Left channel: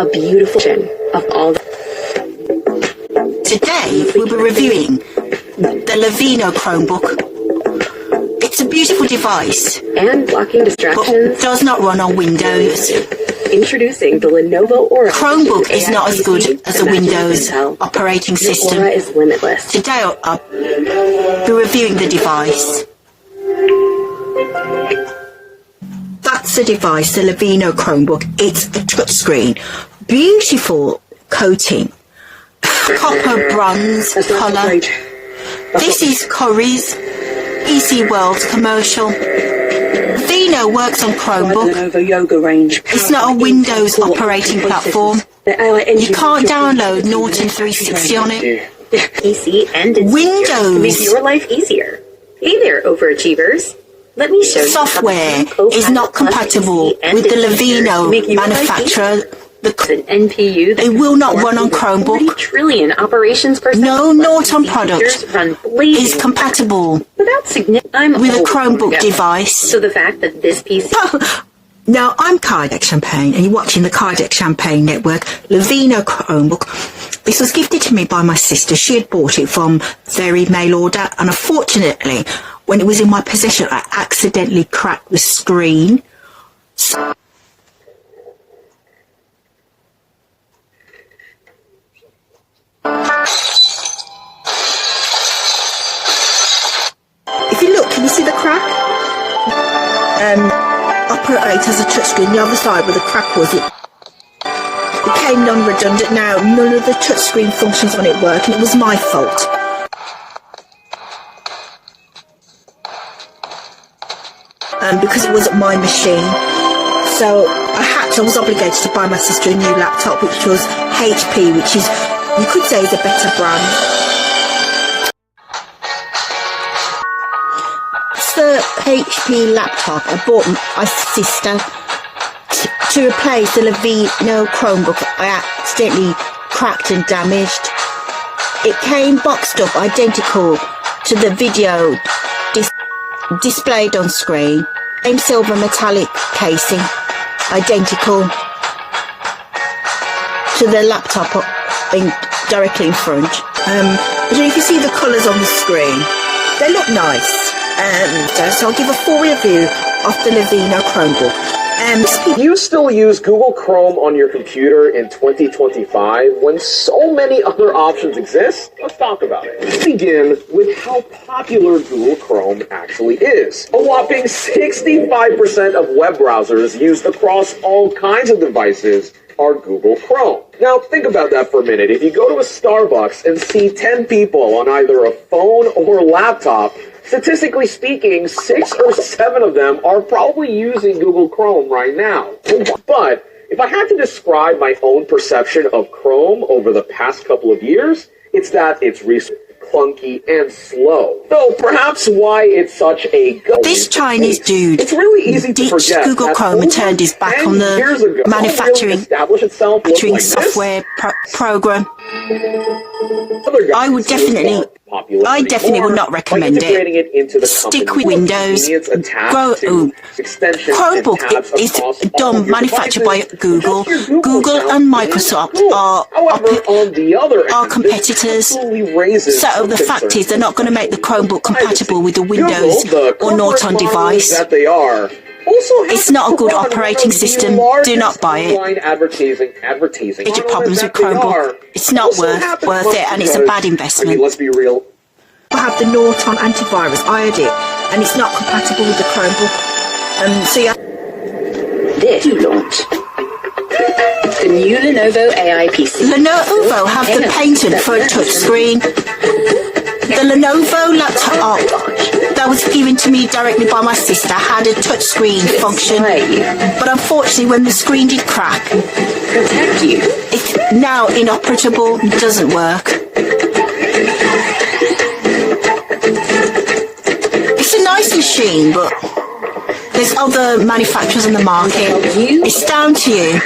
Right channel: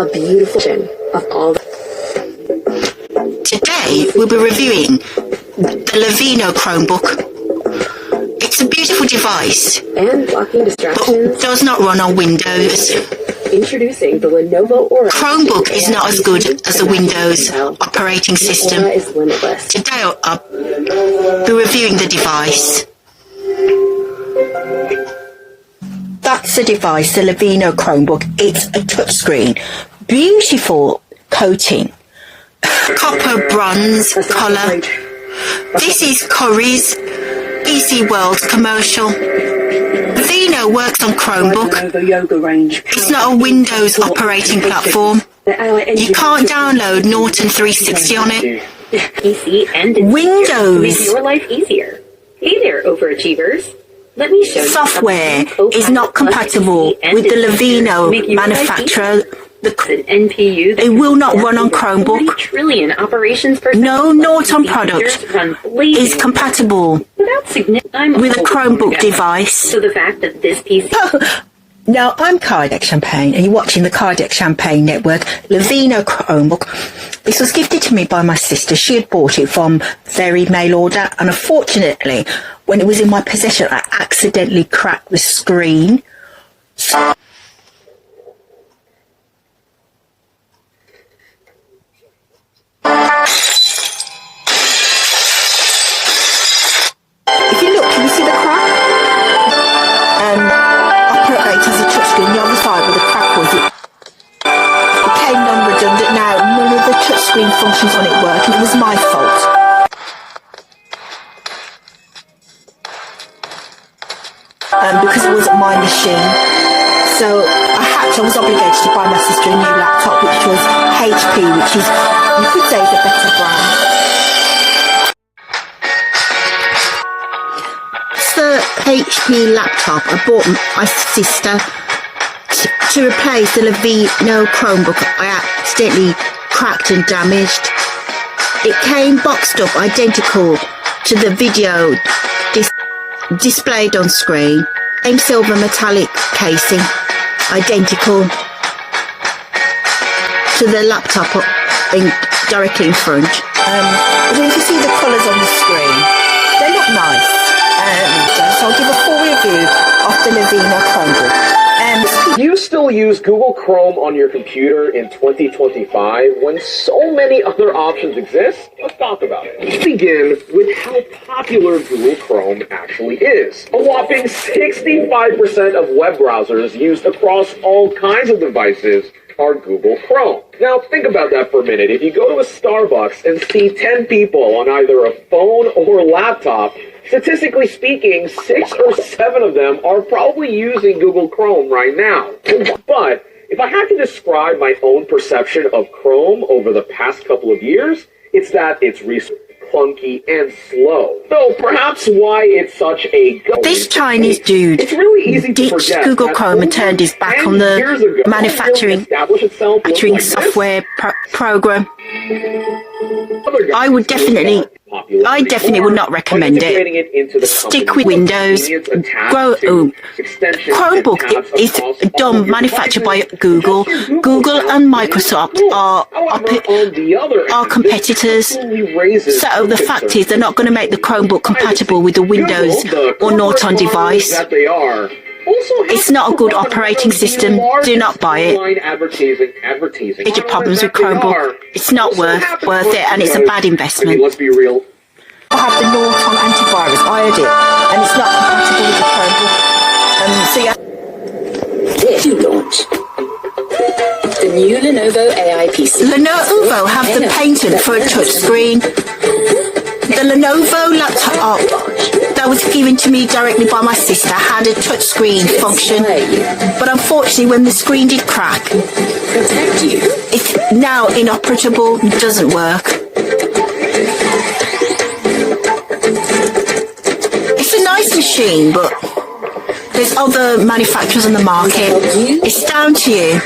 a beautiful of all. Today we'll be reviewing the Lenovo Chromebook. It's a beautiful device And blocking distractions. but does not run on Windows. Introducing the Lenovo Aura. Chromebook is not as good as a Windows operating system. Aura is limitless. Today I'll be reviewing the device. That's the device, the Lenovo Chromebook. It's a touchscreen. Beautiful coating. Copper bronze colour. This is Curry's PC World's commercial. Lenovo works on Chromebook. It's not a Windows operating platform. You can't download Norton 360 on it. PC and Windows. make your life easier. Hey there, overachievers. Let me show you. Software is not compatible with the Lenovo manufacturer. An NPU that It will not run on Chromebook. 40 trillion operations per second. No Norton product is compatible with a Chromebook device. So the fact that this PC... Now, I'm Cardiac Champagne, and you're watching the Cardiac Champagne Network, Lenovo Chromebook. This was gifted to me by my sister. She had bought it from very mail order, and unfortunately, when it was in my possession, I accidentally cracked the screen. If you look, can you see the crack? Operate as a touchscreen. The other side where the crack was, it became non-redundant. Now none of the touchscreen functions on it work, and it was my fault. Because it wasn't my machine, so I was obligated to buy my sister a new laptop, which was HP, which is, you could say, is a better brand. The HP laptop I bought my sister to replace the Lenovo Chromebook I accidentally cracked and damaged. It came boxed up identical to the video displayed on screen. Same silver metallic casing, identical to the laptop directly in front. I don't know if you see the colours on the screen. They look nice. So I'll give a full review of the Lenovo Chromebook. Do you still use Google Chrome on your computer in 2025 when so many other options exist? Let's talk about it. Let's begin with how popular Google Chrome actually is. A whopping 65% of web browsers used across all kinds of devices are Google Chrome. Now think about that for a minute. If you go to a Starbucks and see 10 people on either a phone or laptop, statistically speaking, 6 or 7 of them are probably using Google Chrome right now. But if I had to describe my own perception of Chrome over the past couple of years, it's that it's clunky and slow. So perhaps why it's such a This Chinese dude it's really easy to ditched forget Google Chrome and turned his back on the manufacturing software program. I definitely would not recommend it. Stick with Windows. Chromebook is dumb, manufactured by Google. Google and Microsoft are competitors. So the fact is, they're not going to make the Chromebook compatible with the Windows or Norton device. It's not a good operating system. Do not buy it. Major problems with Chromebook. It's not worth it, and it's a bad investment. Let's be real. I have the Norton antivirus. I had it, and it's not compatible with the Chromebook. This you launch. The new Lenovo AI PC. Lenovo have the patent for a touchscreen. The Lenovo laptop that was given to me directly by my sister had a touchscreen function, but unfortunately when the screen did crack, it's now inoperable, doesn't work. It's a nice machine, but there's other manufacturers on the market. It's down to you.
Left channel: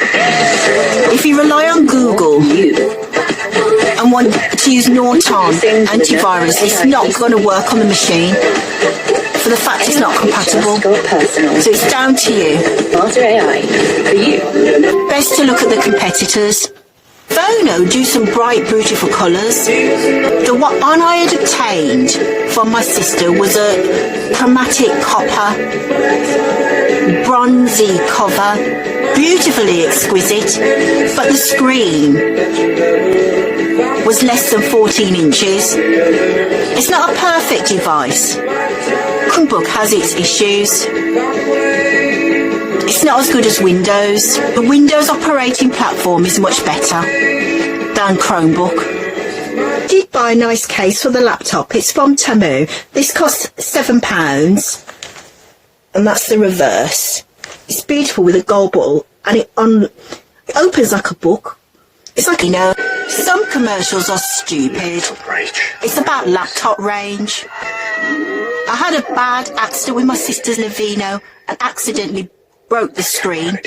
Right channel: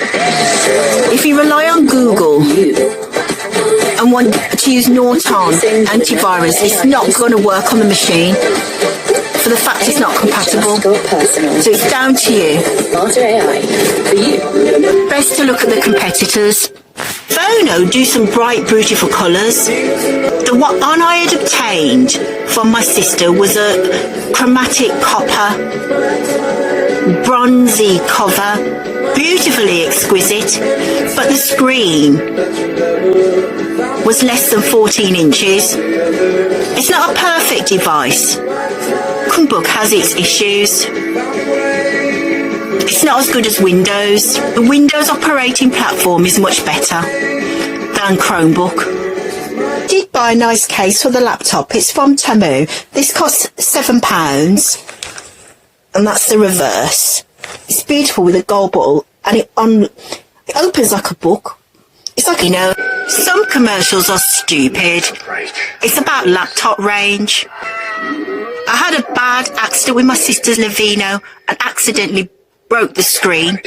If you rely on Google and want to use Norton antivirus, it's not going to work on the machine. for the fact it's not compatible. Personal. So it's down to you. Smarter AI for you. Best to look at the competitors. Phono do some bright, beautiful colours. The one I had obtained from my sister was a chromatic copper, bronzy cover, beautifully exquisite, but the screen was less than 14 inches. It's not a perfect device. CHROMEBOOK has its issues. It's not as good as Windows. The Windows operating platform is much better than CHROMEBOOK. I did buy a nice case for the laptop. It's from Temu. This costs £7, and that's the reverse. It's beautiful with a gold bottle, and it opens like a book. It's like, some commercials are stupid. It's about laptop range. I had a bad accident with my sister's Lenovo and accidentally broke the screen,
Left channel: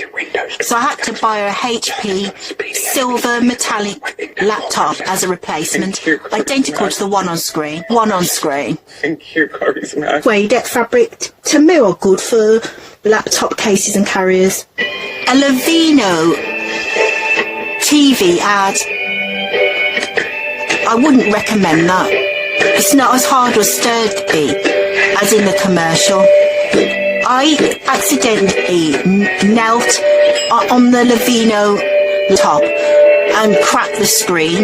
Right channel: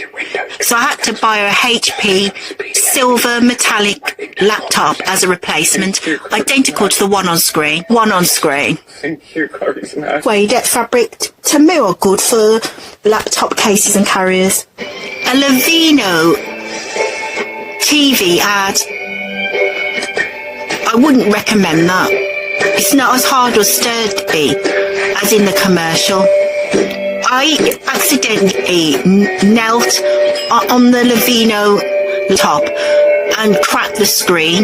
so I had to buy a HP silver metallic laptop as a replacement, identical to the one on screen. Thank you, Charisma. Suede fabric Temu are good for laptop cases and carriers. A Lenovo TV ad, I wouldn't recommend that. It's not as hard or sturdy as in the commercial. I accidentally knelt on the Lenovo top and cracked the screen.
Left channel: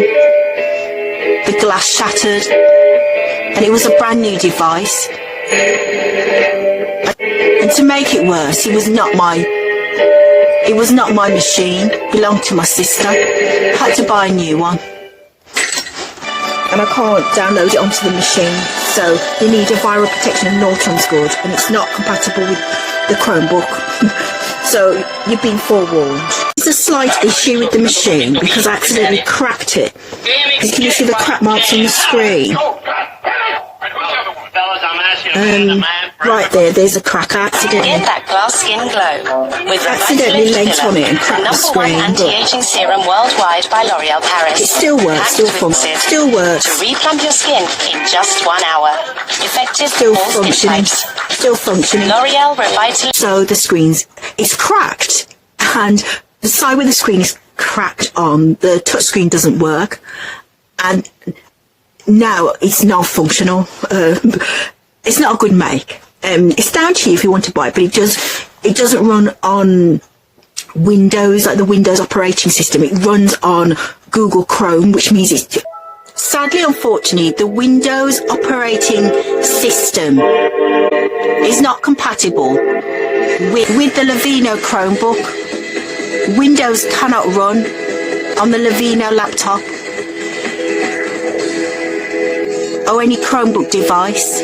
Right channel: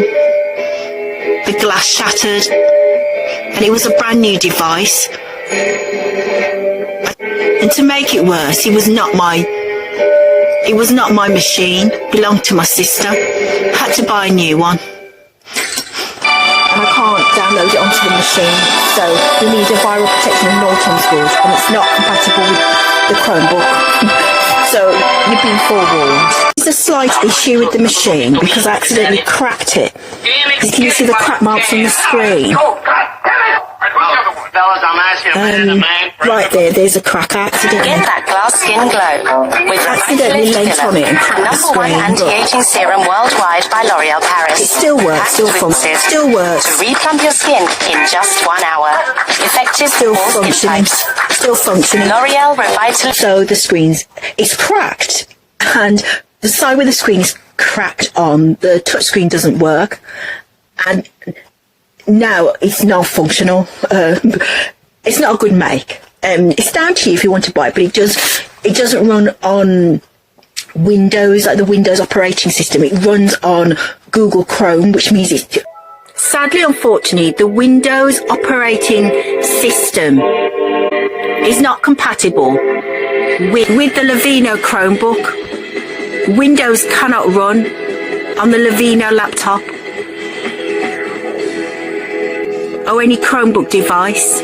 The glass shattered, and it was a brand new device. And to make it worse, it was not my machine. It belonged to my sister. Had to buy a new one. And I can't download it onto the machine, so we need a viral protection and Norton's good, and it's not compatible with the CHROMEBOOK. So you've been forewarned. There's a slight issue with the machine because I accidentally cracked it. Can you see the crack marks on the screen? Right there's a crack. I accidentally that glass skin glow. With accidentally leant on it and cracked the screen. Anti-aging serum worldwide by L'Oreal Paris. It still works, still functions, still works. To replump your skin in just 1 hour. Effective Still for all skin functioning, types. still functioning. L'Oreal Revitalize. So the screen's, it's cracked, and the side where the screen is cracked on, the touch screen doesn't work, and now it's not functional. It's not a good make. It's down to you if you want to buy it, but it doesn't run on Windows, like the Windows operating system. It runs on Google Chrome, which means it's... Sadly, unfortunately, the Windows operating system is not compatible with the Lenovo CHROMEBOOK. Windows cannot run on the Lenovo laptop or any CHROMEBOOK device.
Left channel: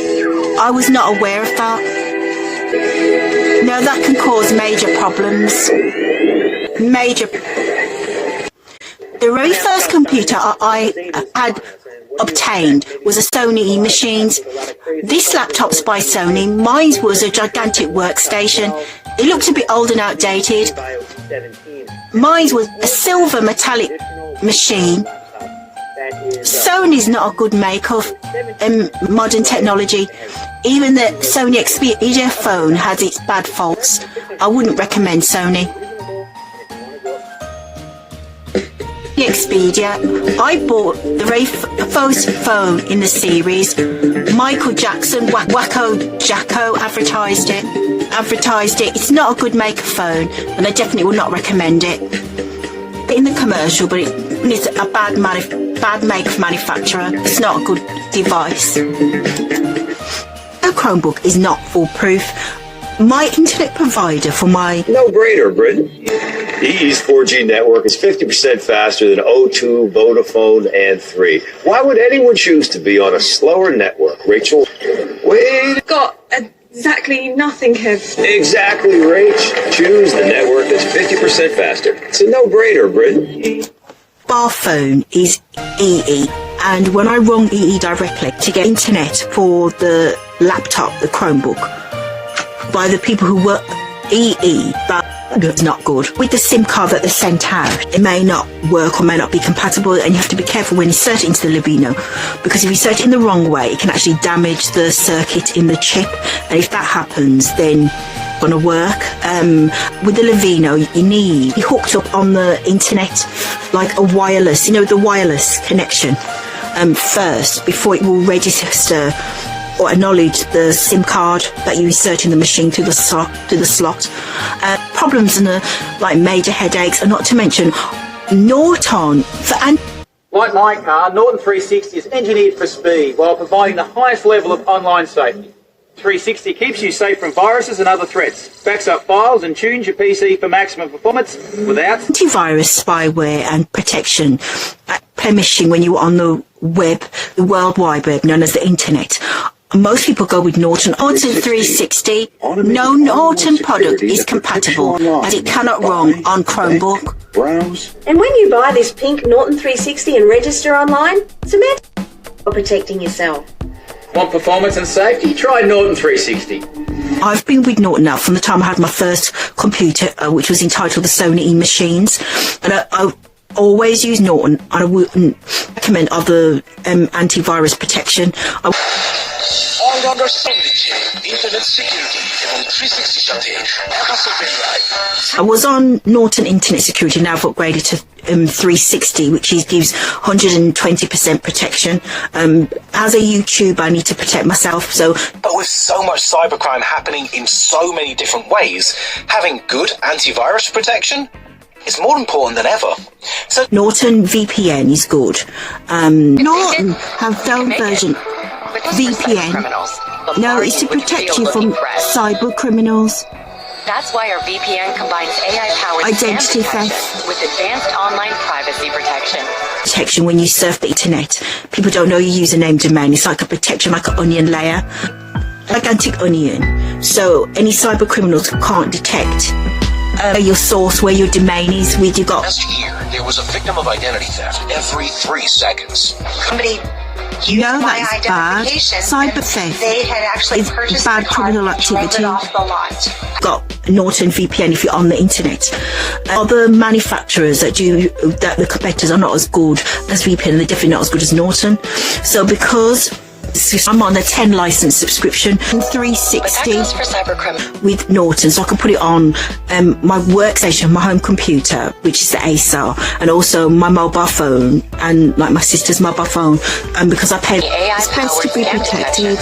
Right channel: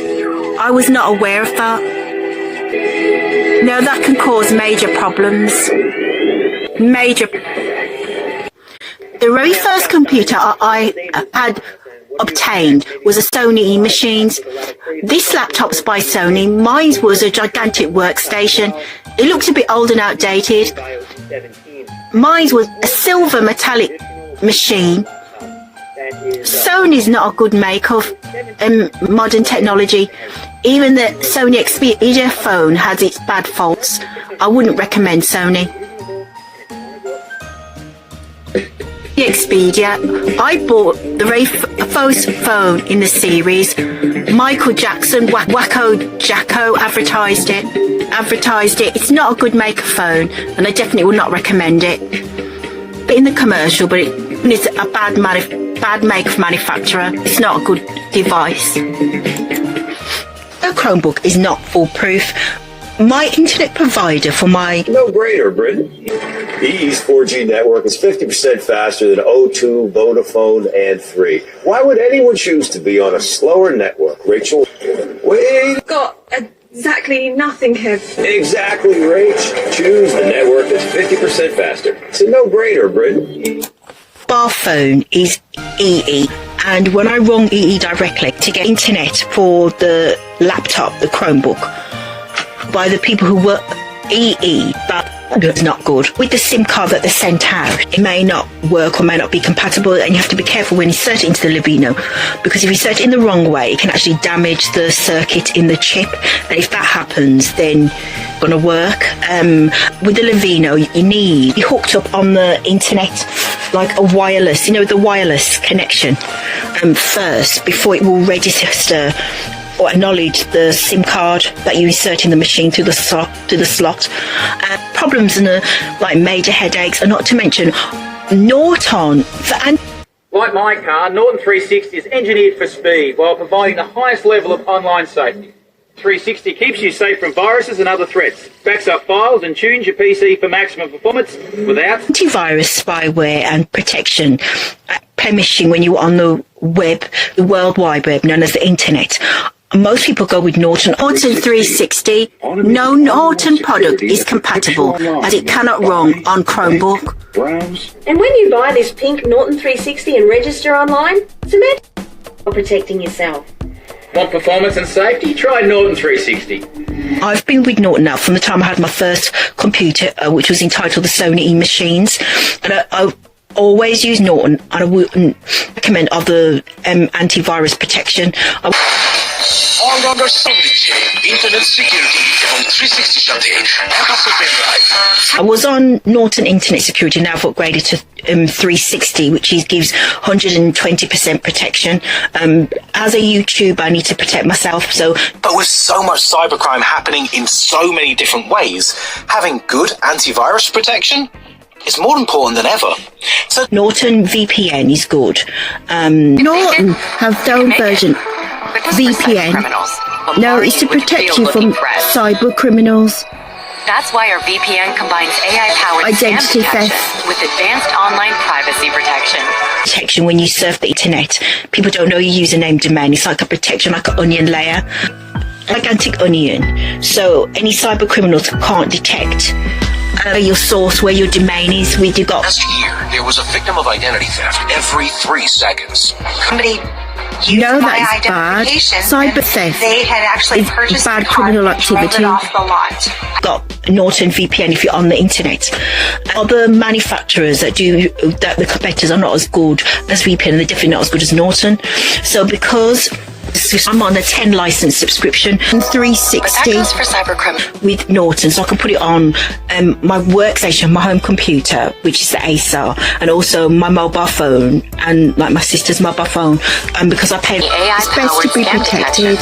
I was not aware of that. Now that can cause major problems. The very first computer I had obtained was a Sony EMACHINES. This laptop's by Sony. Mine was a gigantic workstation. It looked a bit old and outdated. Mine was a silver metallic machine. Sony's not a good make of modern technology. Even the Sony XPERIA phone has its bad faults. I wouldn't recommend Sony. The XPERIA, I bought the very first phone in the series. Michael Jackson, Wacko Jacko advertised it. It's not a good make of phone, and I definitely would not recommend it. But in the commercial, but it's a bad make of manufacturer. It's not a good device. A CHROMEBOOK is not foolproof. My internet provider for my... No-brainer, Britain. EE's 4G network is 50% faster than O2, Vodafone, and 3. Why would anyone choose to be on a slower network? Rachel, wait. Got exactly nothing here. Exactly, Rach. Choose the network that's 50% faster. It's a no-brainer, Britain. Bar phone is EE, and when I rung EE directly to get internet for the laptop, the CHROMEBOOK, by the people who were EE, that It's not good. With the SIM card that they sent out, it may not work or may not be compatible, and you have to be careful when you insert it into the Lenovo, because if you insert it in the wrong way, it can actually damage the circuit in the chip, and if that happens, then it's going to work. With the Lenovo, you need to be hooked up on the internet, like a wireless, the wireless connection, first, before it will register or acknowledge the SIM card that you insert in the machine through the slot. Problems and like major headaches, and not to mention Norton for Like my car, Norton 360 is engineered for speed while providing the highest level of online safety. 360 keeps you safe from viruses and other threats, backs up files and tunes your PC for maximum performance without antivirus, spyware and protection, permission when you're on the web, the World Wide Web, known as the internet. Most people go with Norton 360. No Norton product is compatible, as it cannot run on Chromebook. And when you buy this pink Norton 360 and register online, cement or protecting yourself. Want performance and safety? Try Norton 360. I've been with Norton now from the time I had my first computer, which was entitled the SONY EMACHINES, and I always use Norton, and I wouldn't recommend other antivirus protection. I was on Norton Internet Security, now I've upgraded to 360, which gives 120% protection. As a YouTuber, I need to protect myself. But with so much cybercrime happening in so many different ways, having good antivirus protection is more important than ever. So Norton VPN is good. Norton have their own version. VPN. No, it's to protect you from cyber criminals. That's why our VPN combines AI-powered identity theft with advanced online privacy protection. Protection when you surf the internet. People don't know your username domain. It's like a protection, like an onion layer. Gigantic onion. So any cyber criminals can't detect your source, where your domain is. Last year, there was a victim of identity theft every 3 seconds. No, that is bad. Cyber theft is bad criminal activity. Got Norton VPN if you're on the internet. Other manufacturers that the competitors are not as good as VPN, they're definitely not as good as Norton. So because I'm on a 10 license subscription, 360 with Norton, so I can put it on my workstation, my home computer, which is the Acer, and also my mobile phone and like my sister's mobile phone. And because I pay, it's best to be protected.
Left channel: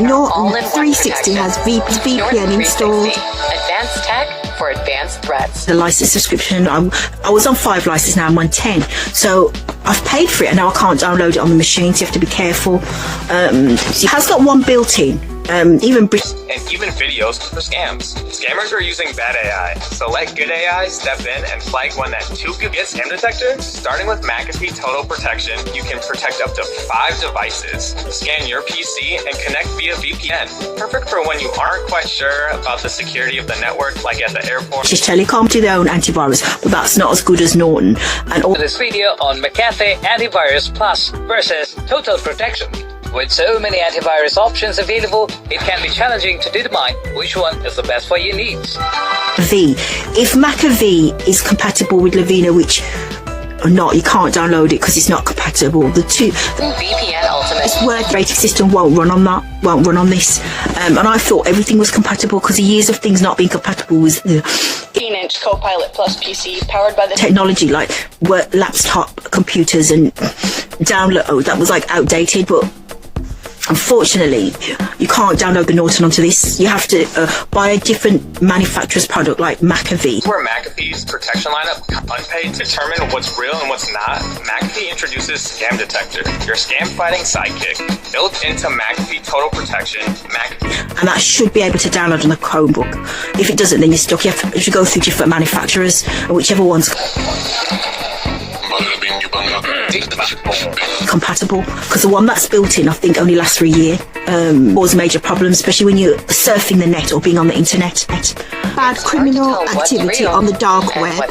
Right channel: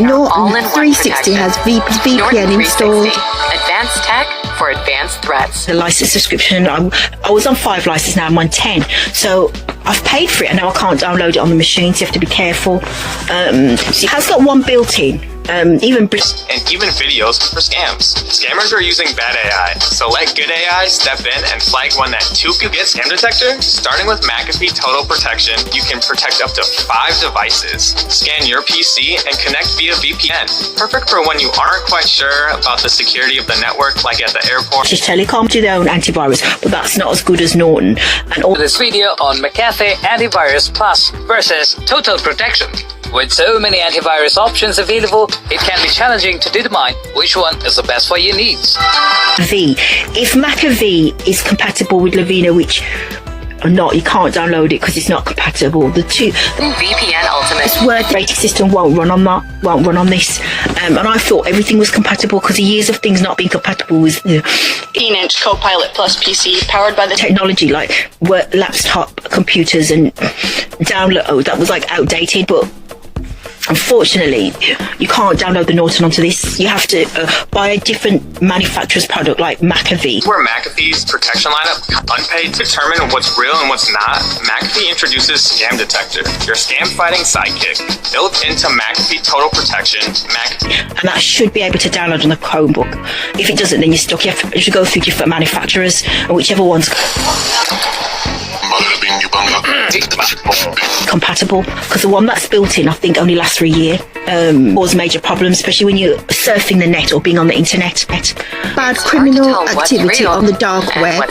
Norton 360 has VPN installed. Advanced tech for advanced threats. The license subscription, I was on 5 licenses, now I'm on 10. So I've paid for it and now I can't download it on the machine, so you have to be careful. It has got one built-in. Even videos for scams. Scammers are using bad AI, so let good AI step in and flag one that too could get scam detector. Starting with McAfee Total Protection, you can protect up to 5 devices. Scan your PC and connect via VPN. Perfect for when you aren't quite sure about the security of the network, like at the airport. Telecom to their own antivirus, but that's not as good as Norton. And all this video on McAfee Antivirus Plus versus Total Protection. With so many antivirus options available, it can be challenging to determine which one is the best for your needs. If McAfee is compatible with Lenovo, which or not, you can't download it because it's not compatible. The VPN Ultimate operating system won't run on that, won't run on this. And I thought everything was compatible because the years of things not being compatible with the 18-inch Copilot Plus PC powered by the technology, like laptop computers and download that was like outdated, but unfortunately, you can't download the Norton onto this. You have to buy a different manufacturer's product like McAfee. Where McAfee's protection lineup unpaid to determine what's real and what's not, McAfee introduces Scam Detector, your scam-fighting sidekick, built into McAfee Total Protection. And that should be able to download on the Chromebook. If it doesn't, then you're stuck. You have to go through different manufacturers, and whichever one's compatible, because the one that's built in I think only lasts for a year. Cause major problems, especially when you're surfing the net or being on the internet. Bad criminal activity on the dark web.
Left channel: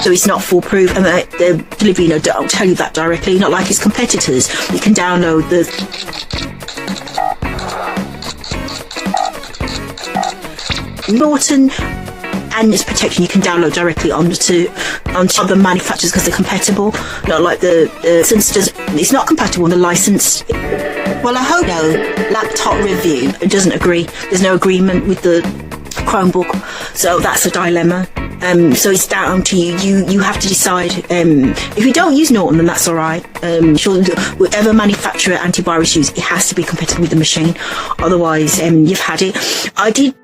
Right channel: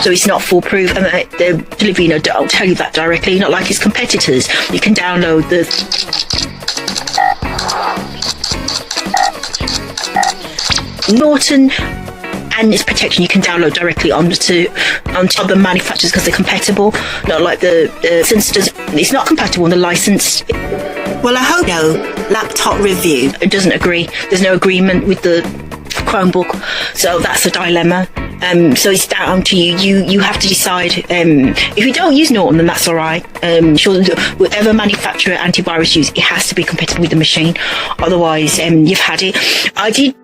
So it's not foolproof, and the Lenovo don't tell you that directly, not like its competitors. You can download the Norton and its protection you can download directly onto other manufacturers because they're compatible. Not like the instance, it's not compatible on the licensed. Well, I hope no laptop review. It doesn't agree. There's no agreement with the Chromebook, so that's a dilemma. So it's down to you. You have to decide. If you don't use Norton, then that's all right. Sure, whatever manufacturer antivirus use, it has to be compatible with the machine. Otherwise, you've had it. I did.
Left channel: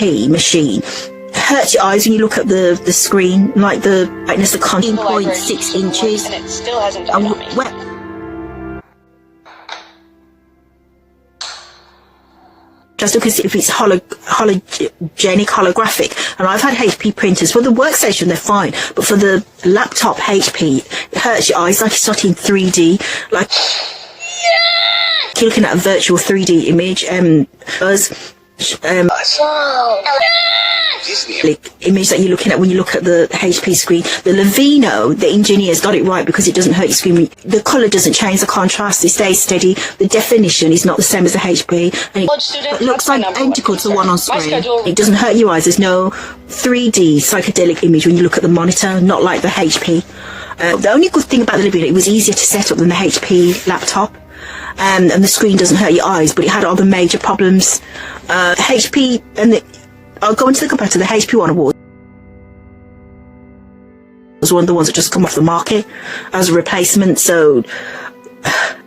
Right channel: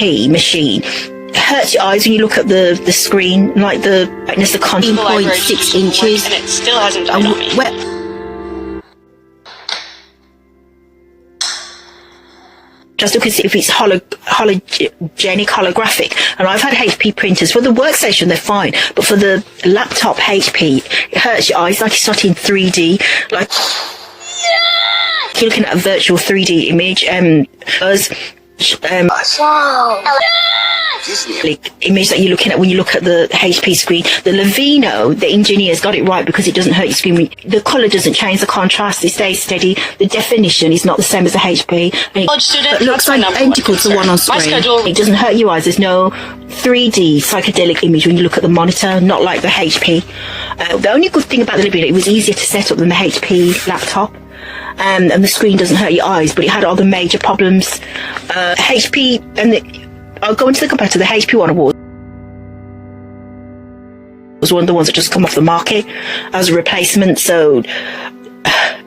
Machine. It hurts your eyes when you look at the screen, like the brightness of 13.6 inches. And it still hasn't done on me. Just look and see if it's holographic. And I've had HP printers. For the workstation, they're fine. But for the laptop HP, it hurts your eyes like it's not in 3D. Like, you're looking at a virtual 3D image. Image that you're looking at when you look at the HP screen. The Lenovo, the engineers got it right because it doesn't hurt your screen. The colour doesn't change, the contrast, it stays steady. The definition is not the same as the HP. And it looks like identical to the one on screen. It doesn't hurt your eyes. There's no 3D psychedelic image when you look at the monitor, not like the HP. The only good thing about the Lenovo, it was easier to set up than the HP laptop. And the screen doesn't hurt your eyes, but it had other major problems. HP, and I'll go into the competitor, the HP One Award was one of the ones that just come off the market as a replacement. So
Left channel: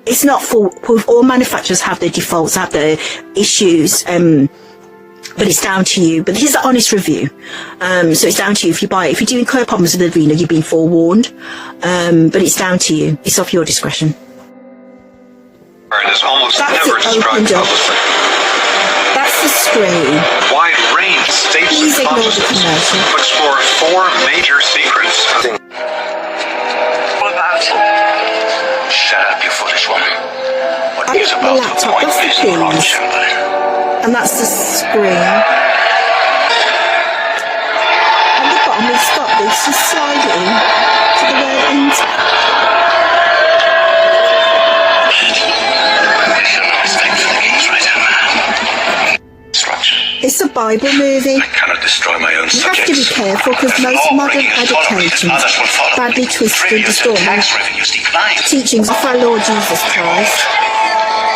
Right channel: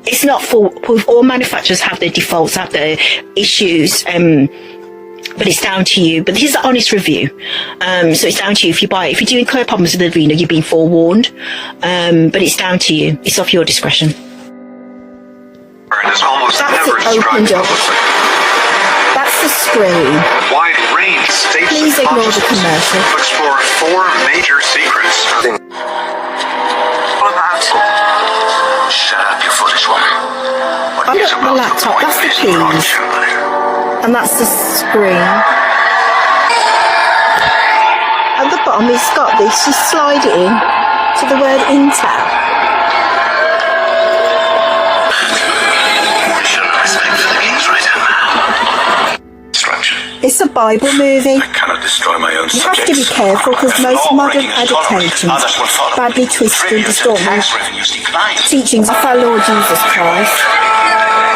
it's not for all manufacturers have their defaults, have their issues, but it's down to you. But this is an honest review, so it's down to you. If you buy it, if you do incur problems with the Vino, you've been forewarned, but it's down to you. It's off your discretion. That's it opened up. That's the screen. Wide range state. Please ignore the commercial. Explore 4 major secrets. What about? Shut up, you foolish woman. I look at the laptop. That's the keys, and that's the screen. At the bottom, it's got this. Just slide it in to the word Intel. It's a Bible movie. I cannot destroy my own You have to be careful because most modern adaptations badly twist and distort the teachings of our Lord Jesus Christ.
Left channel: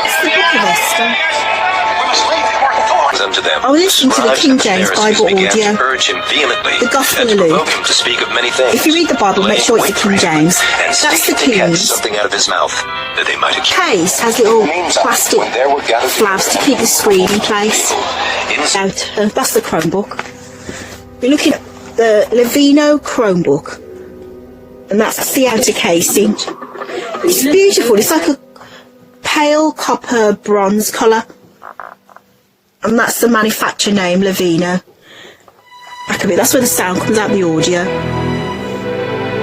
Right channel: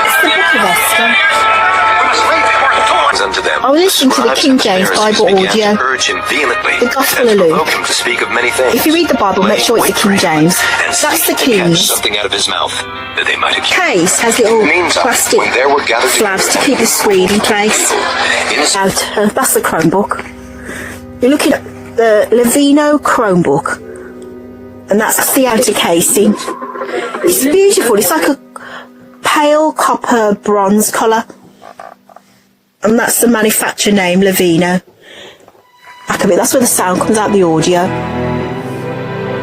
It's the Book of Esther. I was listening to the King James Bible audio, the Gospel of Luke. If you read the Bible, make sure it's the King James. That's the King's. Case has little plastic flaps to keep the screen in place. That's the Chromebook. You're looking at the Lenovo Chromebook, and that's the outer casing. It's beautiful. It's like a pale copper bronze colour. And that's the manufacturer name, Lenovo. Back a bit, that's where the sound comes out, the audio.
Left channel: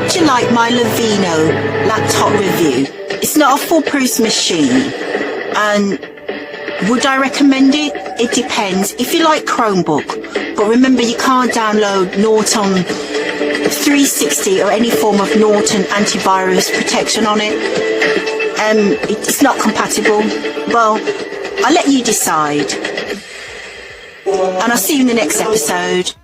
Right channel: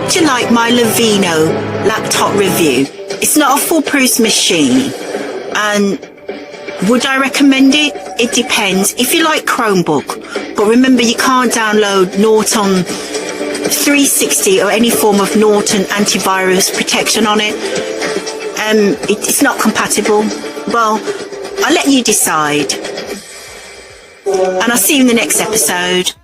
Do you like my Lenovo laptop review? It's not a foolproof machine. And would I recommend it? It depends. If you like Chromebook, but remember you can't download Norton 360 or any form of Norton antivirus protection on it. It's not compatible. Well, I'll let you decide. And I'll see you in the next episode.